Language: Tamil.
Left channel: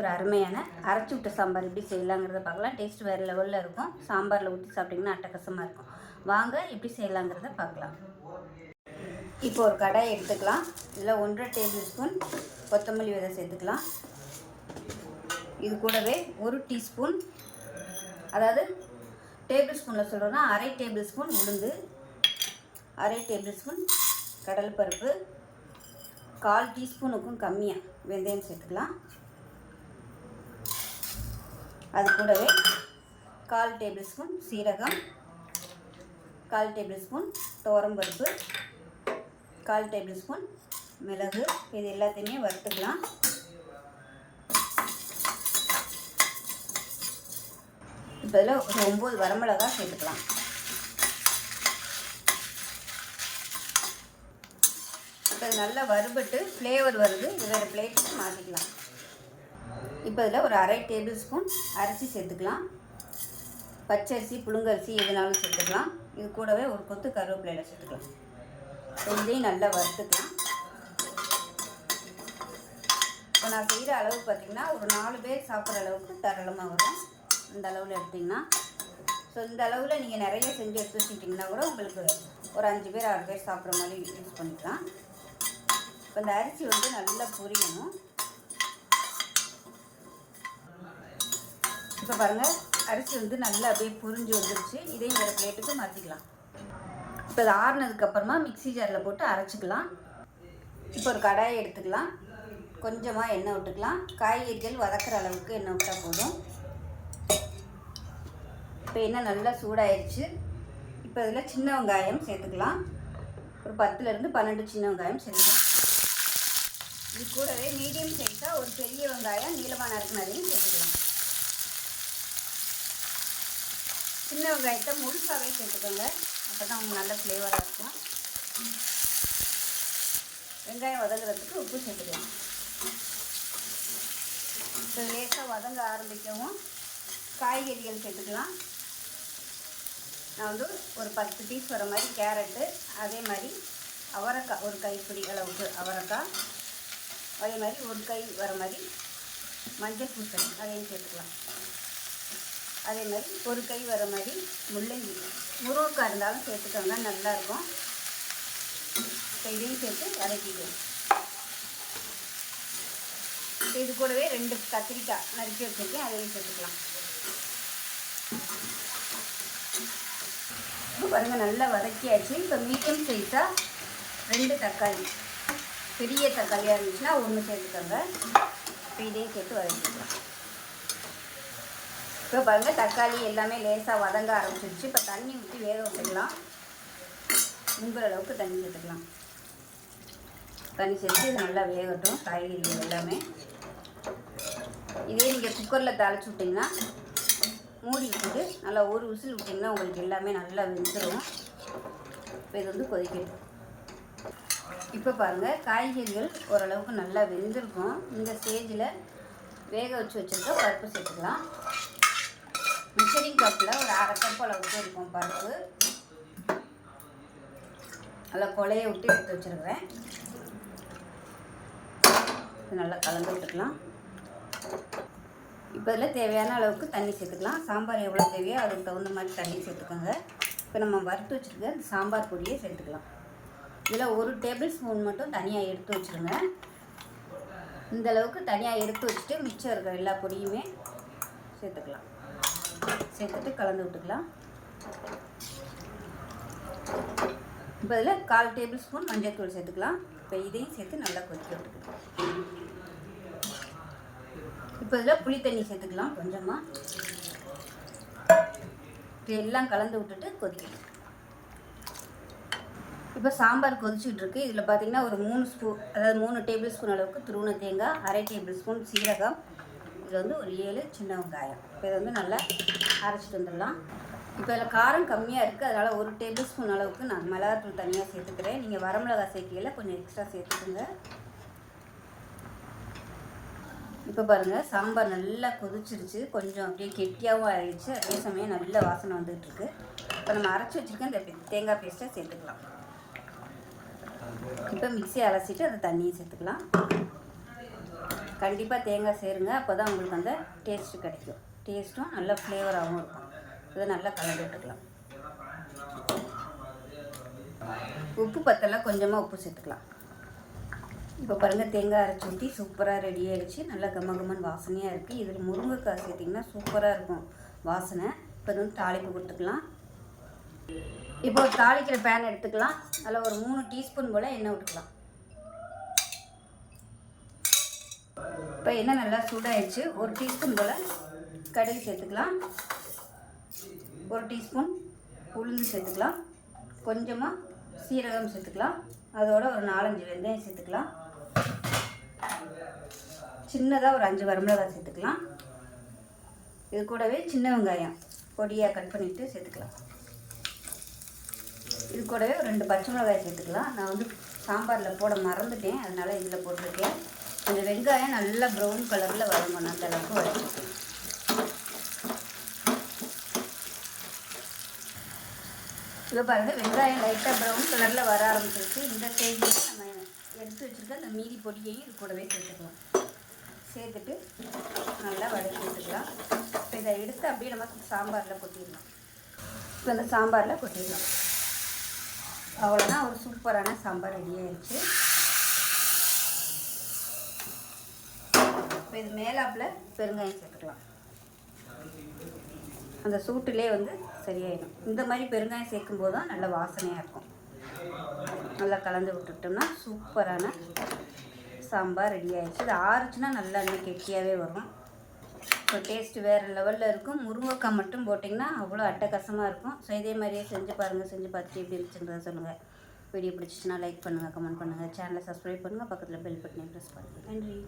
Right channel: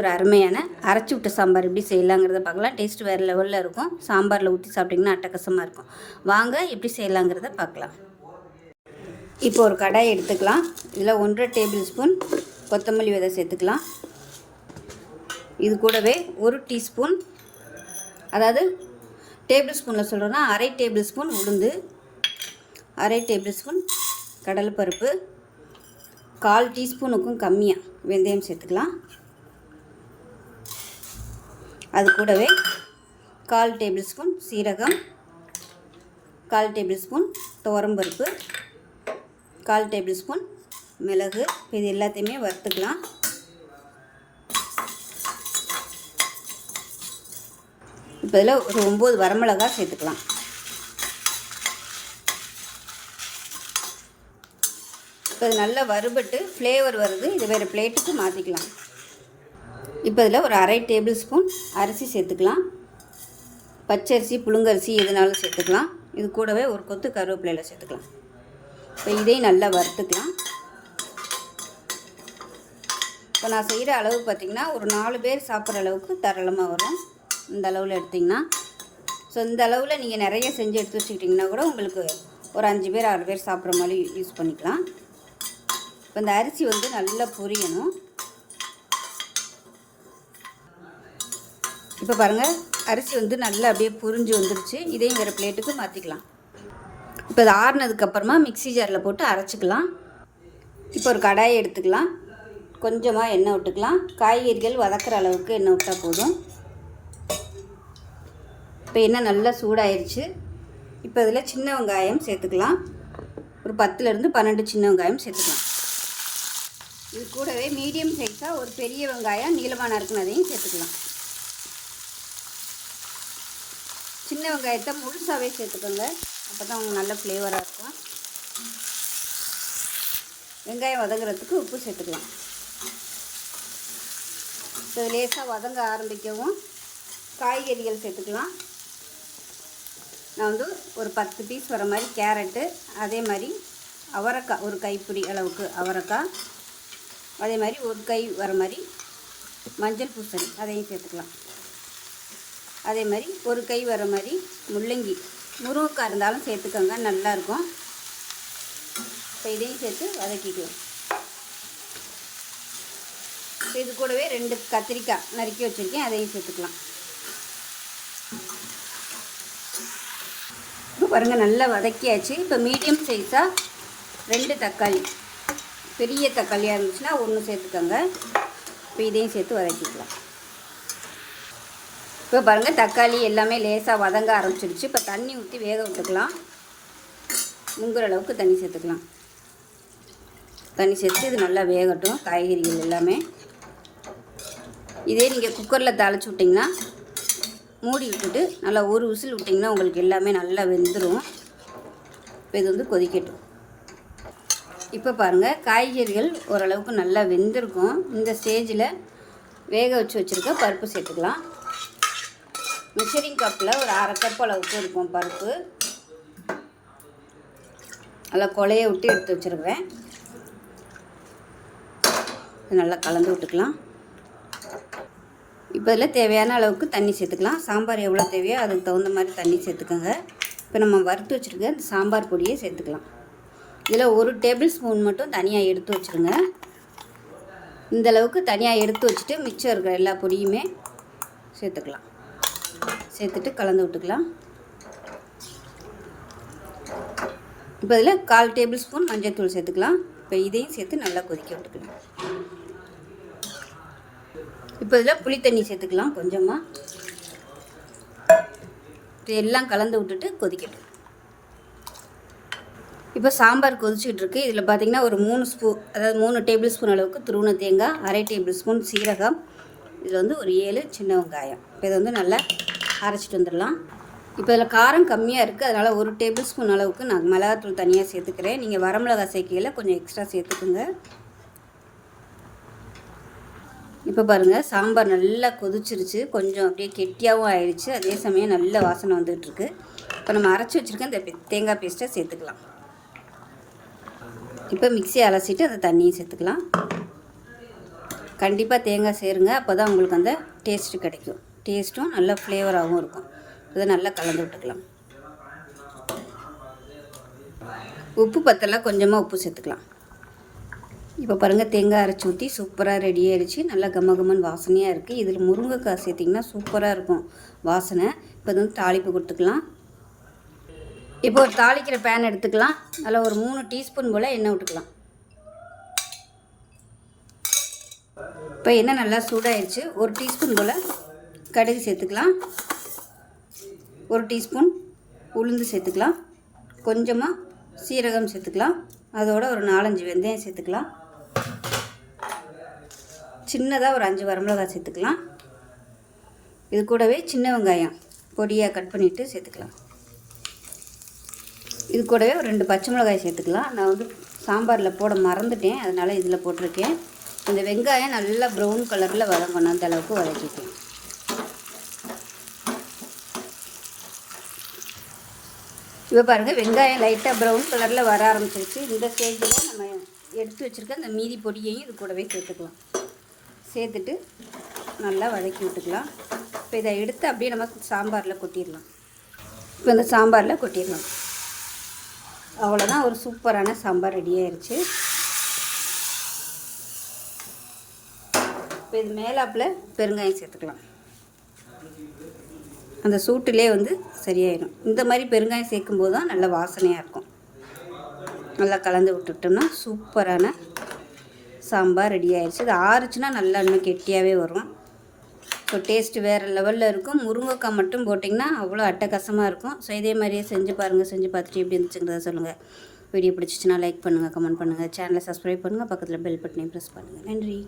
ஒரு அருமையான அரைச்சி விட்ட சாம்பார் எப்படி செய்யலாங்கிறத பார்க்கலாம். டேஸ்ட் வேறு லெவலில் இருக்கும். சாம்பாரில் ஊற்றி சாப்பிட்டிங்கன்னா அட்டகாசமாக இருக்கும். வாங்க எப்படி செய்யலாங்கிறத பார்க்கலாம். இப்போ ஒரு கடாய் எடுத்துக்கலாம். இதில் 1.5 டேபிள் ஸ்பூன் கொத்தமல்லி விதை சேர்த்துக்கலாம். இது கூடவே 1 டீஸ்பூன், அதாவது டேபிள் ஸ்பூனில் சொல்கிறோன்னா 1/2 டேபிள் ஸ்பூன் உளுந்து, 1/2 டேபிள் ஸ்பூன் கடலைப்பருப்பு, 1/4 டீஸ்பூனுக்கும் கம்மியாக வெந்தயம் சேர்த்துக்கலாம். அது கூடவே 1/4 டேபிள் ஸ்பூன் சீரகம், 1/4 டேபிள் ஸ்பூன் துவரம்பருப்பு, 1/4 டேபிள் ஸ்பூன் மிளகு. இது எல்லாத்தையுமே வறுத்துக்கலாம். இப்போ இதில் ஒரு 9 வரமிளகாய் சேர்த்துக்கலாம். இப்போ இது நல்லா வறுபட்டு ஃப்ளேவர் வருது. இது வேறு பிளேட்டுக்கு மாற்றிக்கலாம். இப்போ இதில் ஒரு 1/2 டேபிள் ஸ்பூன் அரிசி சேர்த்துக்கலாம். பச்சரிசி, புழுங்கரிசி எதுனாலும் சேர்த்துக்கலாம். இது கூடவே ஒரு கொத்து கருவேப்பிலையில் சேர்த்துக்கலாம். இப்போ இதையும் நல்லா வறுத்துக்கலாம். இப்போ நான் செய்கிற அளவு பார்த்திங்கன்னா ஒரு 4 பேர் சாப்பிட்ற அளவுக்கு தாராளமாக வரும். இந்த அளவில் எடுத்திங்கன்னா, ஸோ இந்த அளவில் நீங்கள் நிறைய செஞ்சு எடுத்து வச்சுக்கிட்டிங்கன்னா கூட உங்களுக்கு ஒரு 5 பேர் 6 பேர் சாப்பிட்ற மாதிரி யூஸ் பண்ணிக்கலாம். இப்போ இந்த அரிசி வந்து நல்லா பொரியணும். இப்போ பாருங்கள், அரிசி வந்து நல்லா அப்படியே புரிஞ்சு வந்துருச்சு. இதையும் வேறு பிளேட்டுக்கு மாற்றிக்கலாம். இப்போ அது ஆறுனதுக்கப்புறமா மிக்ஸி ஜாரில் போட்டு அரைச்சிக்கலாம். இப்போ ஒரு கடாயை எடுத்துக்கலாம். கொஞ்சமாக எண்ணெய் விட்டுக்கலாம். காய்கறிகள் வதக்கிற அளவுக்கு எண்ணெய் விட்டால் போதும். இப்போ எண்ணெய் நல்லா சூடாயிருச்சு. இப்போ இதில் சின்ன வெங்காயம் சேர்த்துக்கலாம். ஒரு 10லேருந்து 12 சின்ன வெங்காயம் சேர்த்துக்கலாம். இது கூடவே மீடியம் சைஸாக ஒரு பெரிய வெங்காயம் நீளமான இருக்குன்னு அதையும் சேர்த்துக்கலாம். சின்ன வெங்காயத்தை முழுசாகவே சேர்த்துக்கோங்க. அப்போ தான் உங்களுக்கு நல்ல ஃப்ளேவராக இருக்கும். வெங்காயம் வதங்குறதுக்கு உப்பு சேர்த்துக்கலாம். இப்போ லேசாக வதங்க ஆரம்பிக்கவும் காய்கறிகள் சேர்த்துக்கலாம். நான் வந்து ஒரு 10 பீஸ் வர மாதிரி கேரட்டு, அதே மாதிரி அவரைக்காய் ஒரு கைப்பிடி அளவுக்கு அவரைக்காய், அதே மாதிரி ஒரு கை வர மாதிரி மஞ்சள் பூசணி அதையும் சேர்த்துக்கலாம். அதே மாதிரி ஒரு கை வர மாதிரி முள்ளங்கி, முருங்கைக்காய் இருந்தாலும் சேர்த்துக்கோங்க, நல்லாயிருக்கும். இப்போ இதையும் சேர்த்து வதக்கிக்குவோம். இது கூடவே 2 கத்திரிக்காய் நறுக்கி வச்சுருக்கேன், அதையும் சேர்த்துக்கலாம். இப்போ பாருங்கள், நல்லா வதக்கியாச்சு. இப்போ மீடியம் சைஸாக 2 தக்காளி, பெரிய தக்காளியாக இருந்துச்சுன்னா 1 சேர்த்துக்கோங்க. இப்போ இதையும் சேர்த்து வதக்கிக்கலாம். இப்போ பாருங்கள், தக்காளி எல்லாமே லேசாக வதங்க ஆரம்பிச்சிடுச்சு. இப்போ தண்ணி ஊற்றி வேக விட்டுக்கலாம். முங்குற அளவுக்கு தண்ணி சேர்த்துக்கலாம். தண்ணி சேர்த்து இது நல்லா வேகட்டும், காய்கறிகள் எல்லாமே. இதே நீங்கள் குக்கரில் தாளித்து விட்டிங்கன்னா மூடி விட்டுட்டு நல்லா ஒரு விசில் விட்டிங்கன்னா உங்களுக்கு எல்லாமே நல்லா வெந்துடும். இப்போ இது வந்து கொதிக்கட்டும். இப்போ பாருங்கள், காய்கறிகள் ஓரளவுக்கு நல்லா வெந்திருக்கும். இந்த ஸ்டேஜில் வேக வச்சு வச்சுருக்க பருப்பு சேர்த்துக்கலாம். மெஷரிங் கப்பில் ஒரு 1/2 கப் அளவுக்கு இருக்கும் பருப்பு. நல்லா கொலையை விட்டு எடுத்து வச்சுருக்கிறேன். நல்லா கலந்து விட்டுக்கலாம். இப்போ இதில் தேவையான அளவுக்கு தண்ணி சேர்த்துக்கலாம். சாம்பார் எவ்வளோ தேவையோ அதுக்கு தகுந்த மாதிரி தண்ணி சேர்த்துக்கோங்க. இப்போ நம்ம வறுத்து வச்சுருக்க சாம்பார் பொடியை சேர்த்துக்கலாம். இதில் 1 டேபிள் ஸ்பூன் மட்டும் தனியாக எடுத்து வச்சுருங்க. இந்தளவுக்கு தனியாக எடுத்து வச்சுட்டு மிச்சம் இருக்கிற எல்லா பொடியுமே சேர்த்துக்கலாம். சேர்த்துட்டு கலந்து விட்டுக்கலாம். இப்போ இதில் 1/4 டேபிள் ஸ்பூன் மஞ்சள் தூள் சேர்த்துக்கலாம். இப்போ இதையும் சேர்த்து நல்லா கொதிக்க விட்டுக்கலாம். இப்போ இதில் புளி தண்ணி சேர்த்துக்கலாம் கொஞ்சமாக. இது எல்லாம் கலந்து விட்டுட்டு கொதிக்கட்டும். இப்போ சாம்பார் கொதிச்சுக்கிட்டு இருக்குது. இதில் பார்த்திங்கன்னா ஒரு 3 டேபிள் ஸ்பூன் அளவுக்கு துருவன தேங்காய், 1/2 டேபிள் ஸ்பூன் சீரகம், இதில் வந்து ஒரு 7 சின்ன வெங்காயம். இப்போ இதை வந்து நல்லா அரைச்சிட்டு வந்துடலாம். இப்போ இதில் காரம் கம்மியாக இருக்குது, அதனால் 1 டேபிள் ஸ்பூன் அளவுக்கு நான் மிளகாத்தூள் தனியாக சேர்த்துக்கிறேன். நீங்கள் வரமிளகாய் சேர்க்கையில் கொஞ்சம் எக்ஸ்ட்ரா சேர்த்துக்குங்க. இப்போ பாருங்கள், சாம்பார் நல்லா கொதிச்சிருச்சு. கொஞ்சம் அப்படியே கெட்டியாகவும் ஆயிடுச்சு. அதே சமயம் நல்ல வாசனை வந்துகிட்ருக்கு. இப்போ நம்ம அரைச்சி வச்சுருக்க இந்த தேங்காய் பேஸ்ட்டை சேர்த்துக்கலாம். இப்போ மிக்ஸி அலசிட்டு அந்த தண்ணியை சேர்த்துக்கலாம். கண்டிப்பாக தேங்காய் சேருங்க, அப்போ தான் உங்களுக்கு அந்த டேஸ்ட்டு கிடைக்கும். டேஸ்ட்டும் நல்லா ஃப்ளேவராகவும் இருக்கும். இதை நல்லா கலந்து விட்டுக்கலாம். உப்பு பத்தலை, கொஞ்சமாக உப்பு சேர்த்துக்கலாம். இப்போ பாருங்கள், தேங்காய் அரைச்சி ஊற்றி சூப்பராக ரெடி ஆயிடுச்சு. நல்லா கமகமன் வாசனையாக இருக்குது. இதில் முருங்கைக்காய் சேர்த்திங்கன்னா சூப்பராக இருக்கும் வாசனை. இப்போ வந்து தாளிப்பு கொடுத்துக்கலாம். இப்போ ஒரு தாளிக்கிற பேன் எடுத்துக்கலாம். அதில் ஒரு 3 டீஸ்பூன் போல் எண்ணெய் விட்டுக்கலாம். இப்போ எண்ணெய் நல்லா சூடாகிடுச்சு. 1 டீஸ்பூன் போல் கடுகு சேர்த்துக்கலாம். 1 டீஸ்பூன் உளுந்து சேர்த்துக்கலாம். கொஞ்சமாக சீரகம் சேர்த்துக்கலாம். அதோட ஒரு 4-5 வெந்தயம் சேர்த்துக்கலாம். சின்னதாக ஒரு 5 வரமிளகாய் சேர்த்துக்கலாம். இது கூடவே சின்ன வெங்காயம் பொடியாக கட் பண்ணிவிட்டு சேர்த்துக்கலாம். இது கூடவே ஒரு 2 பச்சை மிளகாய் சேர்த்துக்கலாம். நான் வந்து சாம்பாரில் போட மறந்துட்டேன், அதனால் இதில் போட்டிருக்கேன். இந்த வெங்காயம் நல்லா ப்ரௌன் கலரில் வதங்கணும், அந்த அளவுக்கு வதக்கிக்கலாம். இப்போ பாருங்கள், வெங்காயம் லைட்டாக ப்ரௌன் கலரில் வர ஆரம்பிச்சிருச்சு. இந்த ஸ்டேஜில் நம்ம எடுத்து வச்சுருக்க இந்த மீதி பொடியையும் இது கூடவே சேர்த்துக்கலாம். சேர்த்துட்டு நல்லா வதக்கி விட்டுக்கலாம். இப்போ இதை எடுத்து அப்படியே நம்ம சாம்பாரில் கொட்டிடலாம். இப்போ இந்த சாம்பாரில் கொட்டிடலாம். அவ்வளோதான், ஒரு சூப்பரான சாம்பார் ரெடி ஆயிடுச்சு. இப்போ இது மேலாப்பில் பெருங்காயம் சேர்த்துக்கலாம். அந்த சூட்டிலே வந்து சரியாயிடும். இந்த மாதிரி பெருங்காயம் சேர்க்கும்போது தான் நல்ல வாசனையாக இருக்கும். நல்லா கலந்து விட்டுட்டோம்னா சூப்பரான சாம்பார் ரெடி ஆயிடுச்சு. இது ஆறுச்சுன்னா நல்லா இன்னும் கெட்டியாகவே வரும். ஸோ டேஸ்ட்டு வேறு லெவலில் இருக்கும். முருங்கைக்காய் மட்டும் போட்டிங்கன்னா அவ்வளோ அட்டகாசமாக இருக்கும். ஸோ இதே மாதிரியே செஞ்சு பாருங்கள். செஞ்சு பார்த்துட்டு எப்படி இருந்துச்சுங்கிறத சொல்லுங்கள். வீடியோ பிடிச்சிச்சின்னா லைக் பண்ணுங்கள், கமெண்ட் பண்ணுங்கள், சேனலை சப்ஸ்கிரைப் பண்ணுங்கள், பக்கத்தில் பெல் பட்டனையும் ப்ரெஸ் பண்ணுங்கள். நன்றி.